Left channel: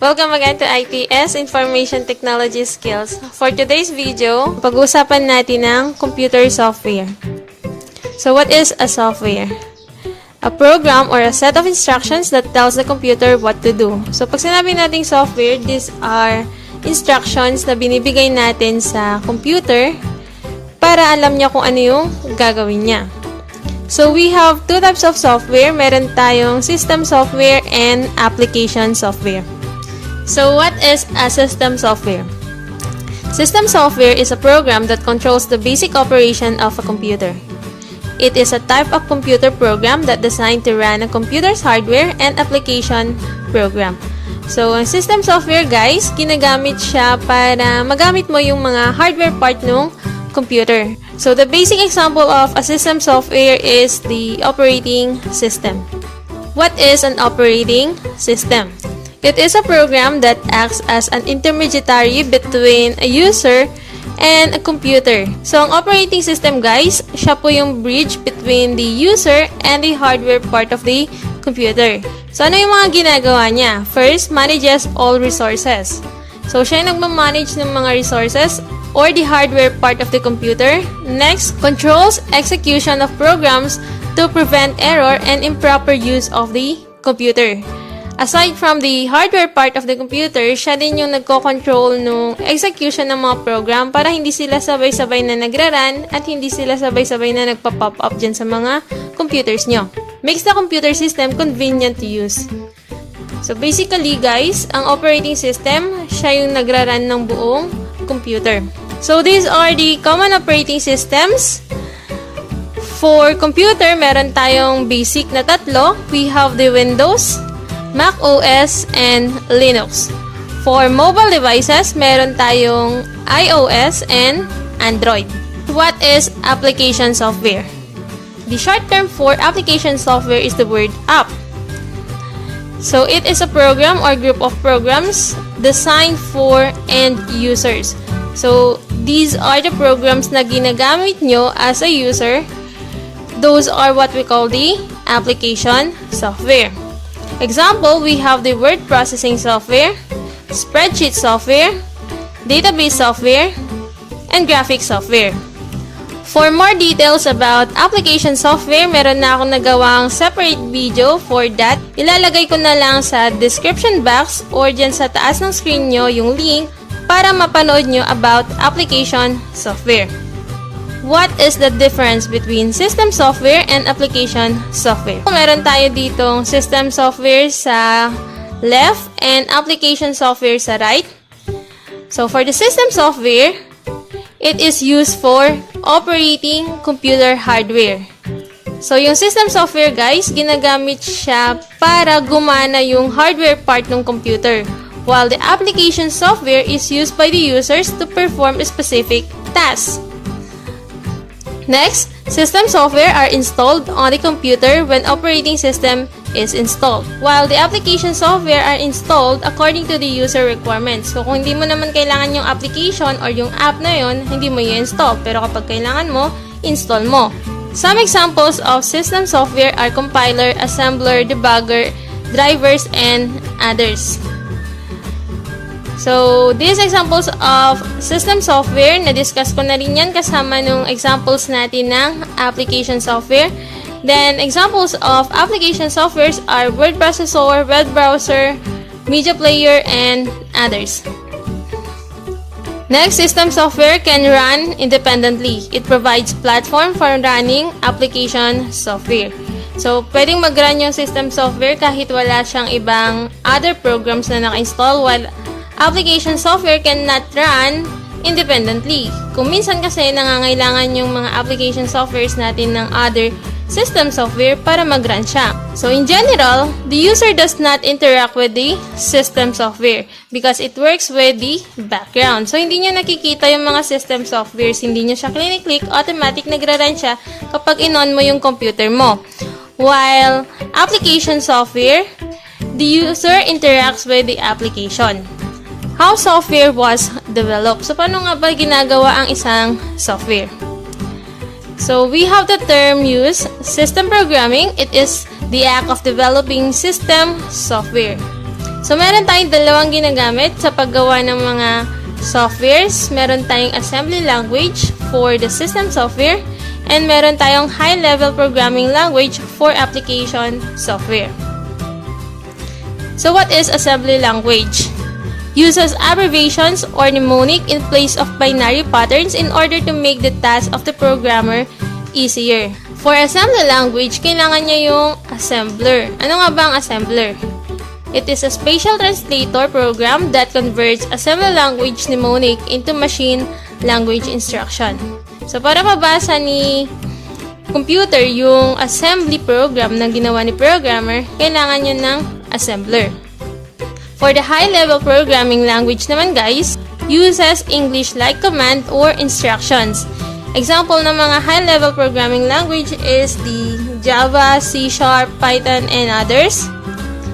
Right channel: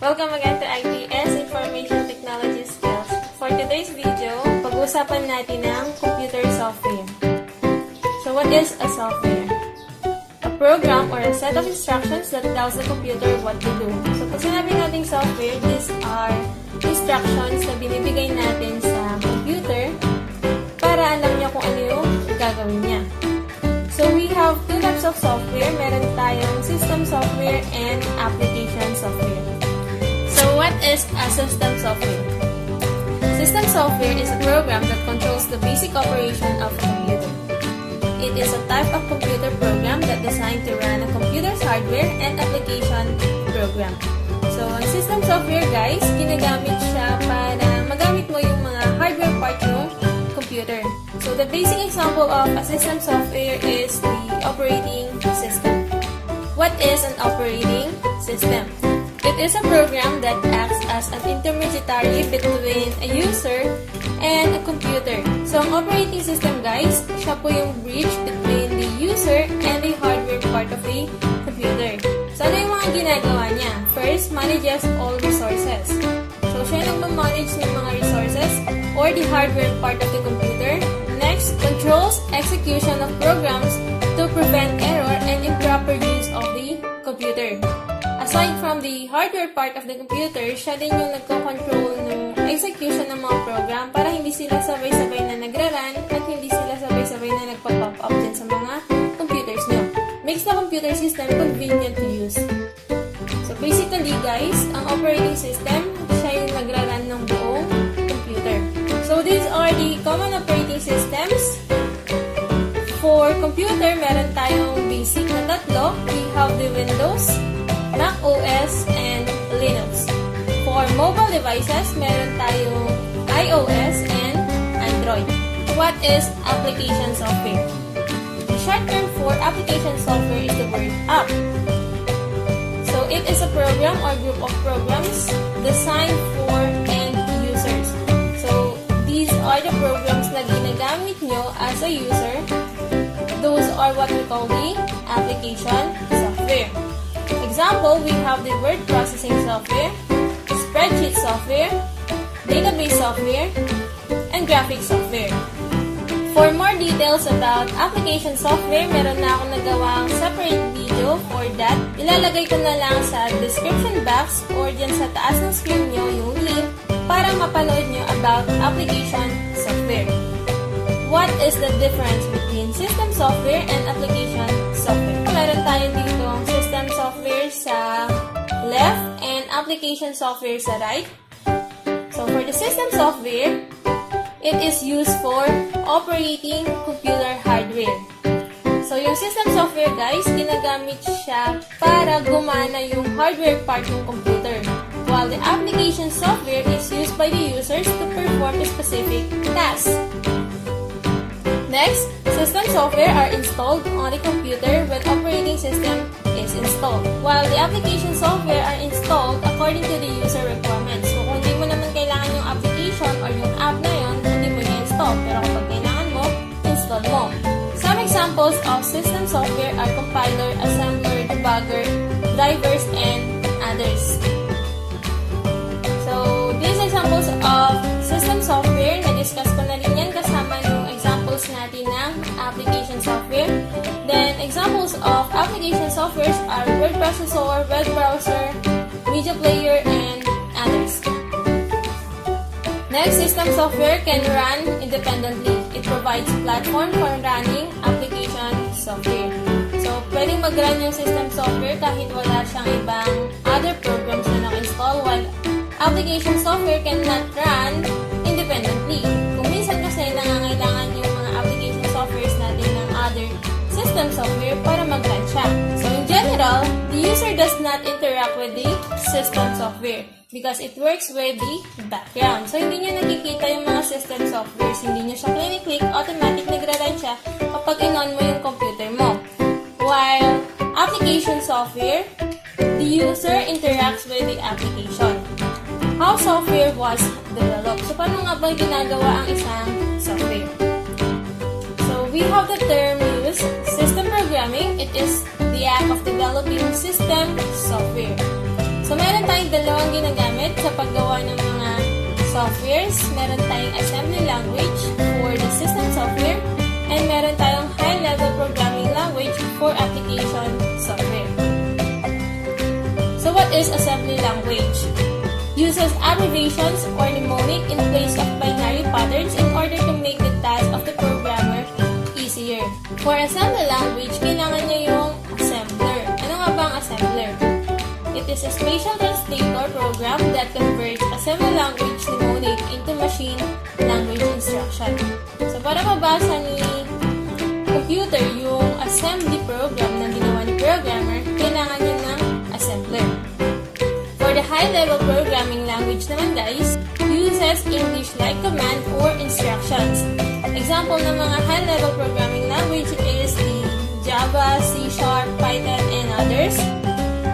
Welcome again to ITS, Information Technology Skills. For today's video, pag-uusapan natin ng computer software. So what is a software? A program or a set of instructions that tells the computer what to do. So pag sinabi nating software, these are instructions na binibigay natin sa computer para alam niya kung ano yung gagawin niya. So we have two types of software. Meron tayong system software and application software. So what is a system software? System software is a program that controls the basic operation of a computer. It is a type of computer program that designed to run a computer's hardware and application program. So, ang system software, guys, ginagamit siya para magamit mo yung mga hardware part ng computer. So, the basic example of a system software is the operating system. What is an operating system? It is a program that acts as an intermediary between a user and a computer. So, ang operating system, guys, siya po yung bridge between the user and the hardware part of the computer. So, ano yung mga ginagawa niya? First, manages all resources. So, siya yung nagmamanage ng mga resources or the hardware part of the computer. Next, controls execution of programs to prevent error and improper use of the computer. Aside from the hardware part of the computer, siya din yung nagko-control ng execution ng mga program para hindi sila sabay-sabay na nagra-run at hindi sila sabay-sabay na nagpa-pop up dyan sa mga computers nyo. Makes the computer system convenient to use. So basically guys, ang operating system, siya yung nagra-run ng buong computer. So these are the common operating systems. For computer, meron tayong basic na tatlo. We have the Windows, Mac OS, and Linux. For mobile devices, meron tayong iOS and Android. What is application software? The short term for application software is the word app. So it is a program or group of programs designed for end users. So these are the programs na ginagamit nyo as a user. Those are what we call the application software. Example, we have the word processing software, spreadsheet software, database software, and graphic software. For more details about application software, meron na akong nagawang separate video for that. Ilalagay ko na lang sa description box or dyan sa taas ng screen nyo yung link para mapanood nyo about application software. What is the difference between system software and application software? Meron tayo ditong system software sa left and application software sa right. So for the system software, it is used for operating computer hardware. So yung system software guys, ginagamit siya para gumana yung hardware part ng computer, while the application software is used by the users to perform a specific task. Next, system software are installed on the computer when operating system is installed, while the application software are installed according to the user requirements. So, kung hindi mo naman kailangan yung application or yung app na yon, hindi mo i-install. Pero kapag kailangan mo, install mo. Some examples of system software are compiler, assembler, debugger, drivers, and others. So, these examples of system software, na-discuss ko na rin yan kasama nung examples natin ng application software. Then, examples of application softwares are word processor, web browser, media player, and others. Next, system software can run independently. It provides platform for running application software. So, pwedeng mag-run yung system software kahit wala siyang ibang other programs na naka-install, while application software cannot run independently. Kung minsan kasi nangangailangan yung mga application softwares natin ng other system software para mag-run siya. So in general, the user does not interact with the system software because it works with the background. So hindi nyo nakikita yung mga system softwares, hindi nyo siya click, automatic nagra-run siya kapag in-on mo yung computer mo. While application software, the user interacts with the application. How software was developed. So, paano nga ba ginagawa ang isang software? So, we have the term used, system programming. It is the act of developing system software. So, meron tayong dalawang ginagamit sa paggawa ng mga softwares. Meron tayong assembly language for the system software, and meron tayong high-level programming language for application software. So, what is assembly language? Uses abbreviations or mnemonic in place of binary patterns in order to make the task of the programmer easier. For assembly language, kailangan niya yung assembler. Ano nga ba ang assembler? It is a spatial translator program that converts assembly language mnemonic into machine language instruction. So, para mabasa ni computer yung assembly program na ginawa ni programmer, kailangan niya ng assembler. For the high-level programming language naman guys, uses English-like command or instructions. Example ng mga high-level programming language is the Java, C#, Python, and others.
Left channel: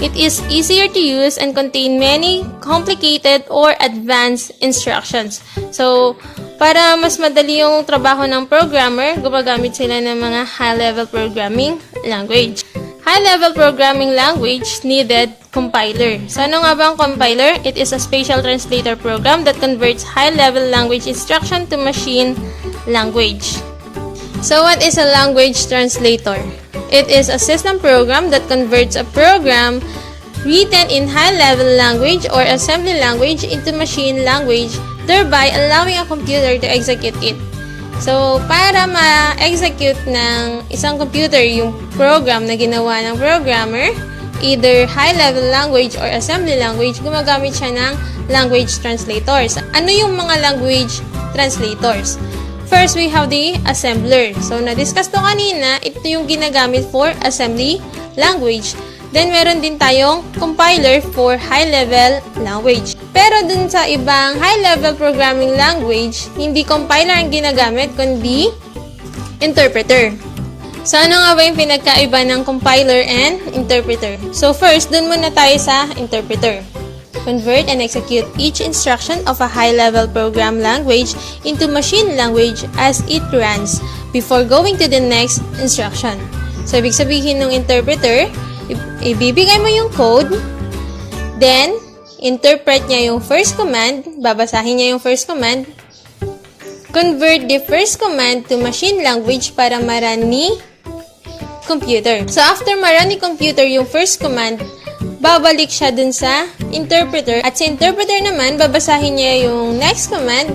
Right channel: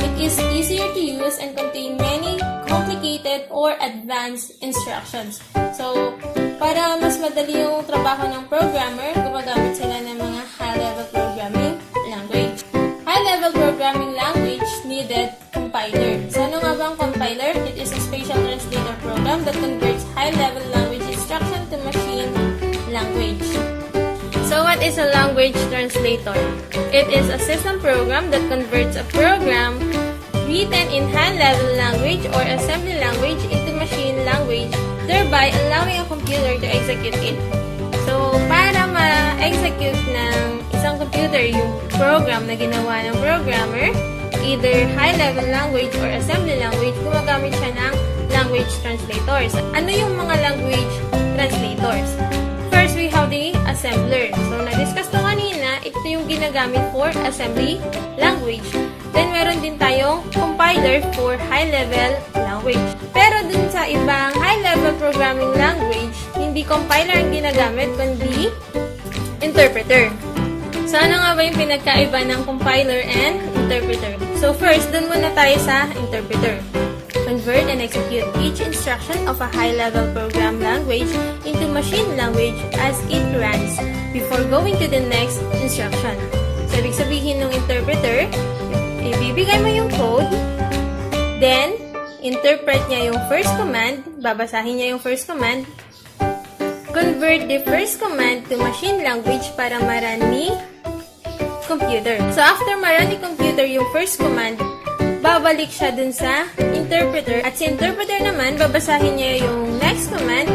It is easier to use and contain many complicated or advanced instructions. So, para mas madali yung trabaho ng programmer, gumagamit sila ng mga high-level programming language. High-level programming language needed compiler. So, ano nga ba ang compiler? It is a spatial translator program that converts high-level language instruction to machine language. So, what is a language translator? It is a system program that converts a program written in high-level language or assembly language into machine language, thereby allowing a computer to execute it. So, para ma-execute ng isang computer yung program na ginawa ng programmer, either high-level language or assembly language, gumagamit siya ng language translators. Ano yung mga language translators? First, we have the assembler. So, na-discuss to kanina, ito yung ginagamit for assembly language. Then, meron din tayong compiler for high-level language. Pero dun sa ibang high-level programming language, hindi compiler ang ginagamit, kundi interpreter. So, ano nga ba yung pinagkaiba ng compiler and interpreter? So, first, dun muna tayo sa interpreter. Convert and execute each instruction of a high-level program language into machine language as it runs before going to the next instruction. So, ibig sabihin ng interpreter, ibibigay mo yung code, then, interpret niya yung first command, babasahin niya yung first command, convert the first command to machine language para ma-run ni computer. So, after ma-run ni computer yung first command, babalik siya dun sa interpreter. At sa interpreter naman, babasahin niya yung next command,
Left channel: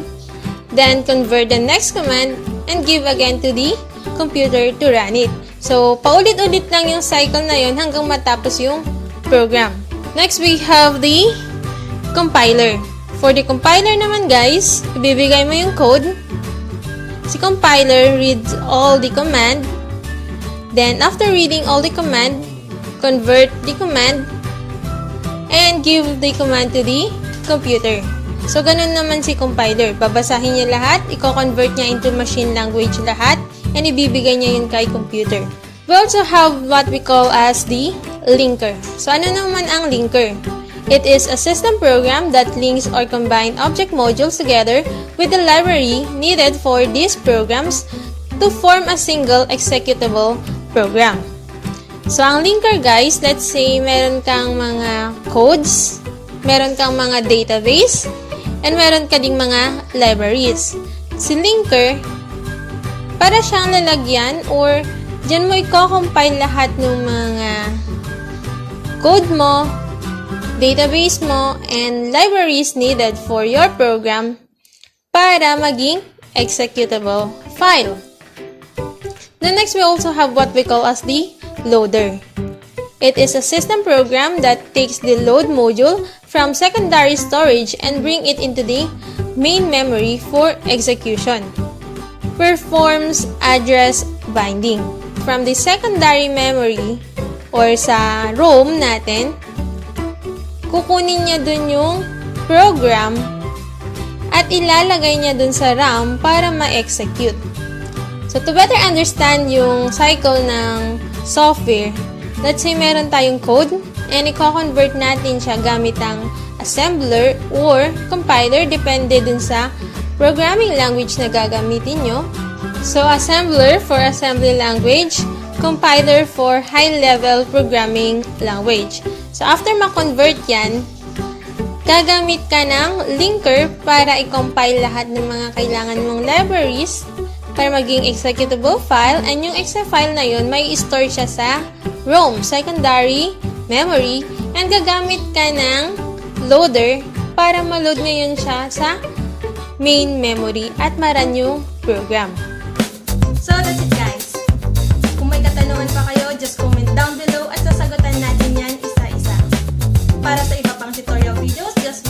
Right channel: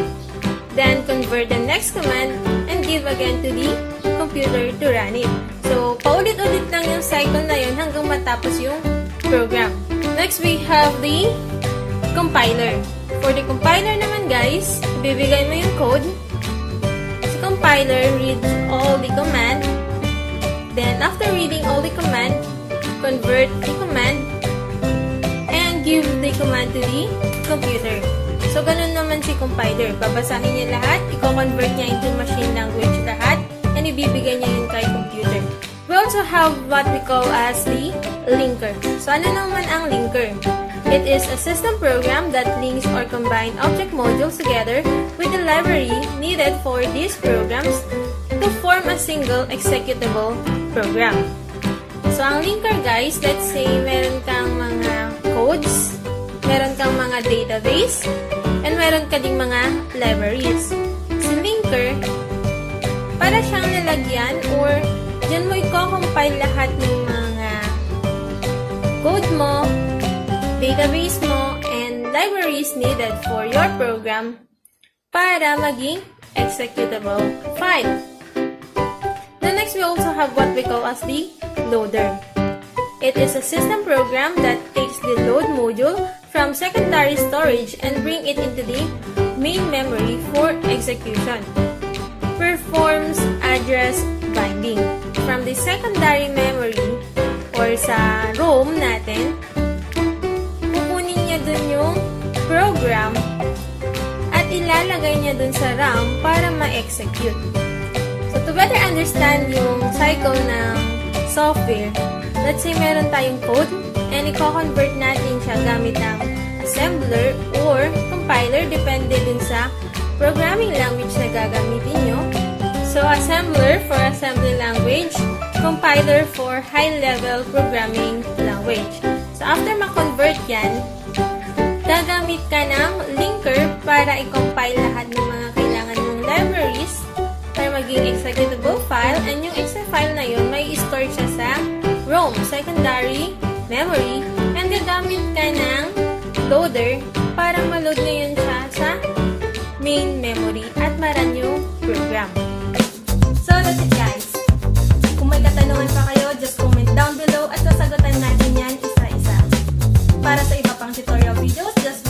then convert the next command, and give again to the computer to run it. So, paulit-ulit lang yung cycle na yun hanggang matapos yung program. Next, we have the compiler. For the compiler naman guys, ibibigay mo yung code. Si compiler reads all the command. Then, after reading all the command, convert the command and give the command to the computer. So, ganun naman si compiler. Babasahin niya lahat, i-convert niya into machine language lahat, and ibibigay niya yun kay computer. We also have what we call as the linker. So, ano naman ang linker? It is a system program that links or combines object modules together with the library needed for these programs to form a single executable program. So, ang linker guys, let's say meron kang mga codes, meron kang mga database, and meron ka ding mga libraries. Si linker, para siyang lalagyan or dyan mo i-compile lahat ng mga code mo, database mo, and libraries needed for your program para maging executable file. Then next, we also have what we call as the loader. It is a system program that takes the load module from secondary storage and bring it into the main memory for execution. Performs address binding. From the secondary memory or sa ROM natin, kukunin niya dun yung program at ilalagay niya dun sa RAM para ma-execute. So, to better understand yung cycle ng software, let's say meron tayong code and i-convert natin siya gamit ang assembler or compiler depende dun sa programming language na gagamitin nyo. So, assembler for assembly language, compiler for high-level programming language. So, after ma-convert yan, gagamit ka ng linker para i-compile lahat ng mga kailangan mong libraries para maging executable file, and yung exe file na yun, may store siya sa ROM, secondary memory, and gagamit ka ng loader para ma-load ngayon siya sa main memory at ma-run yung program. So, that's it guys. Kung may katanungan pa kayo, just comment down below at sasagutan natin yan isa-isa. Para sa iba pang tutorial videos, just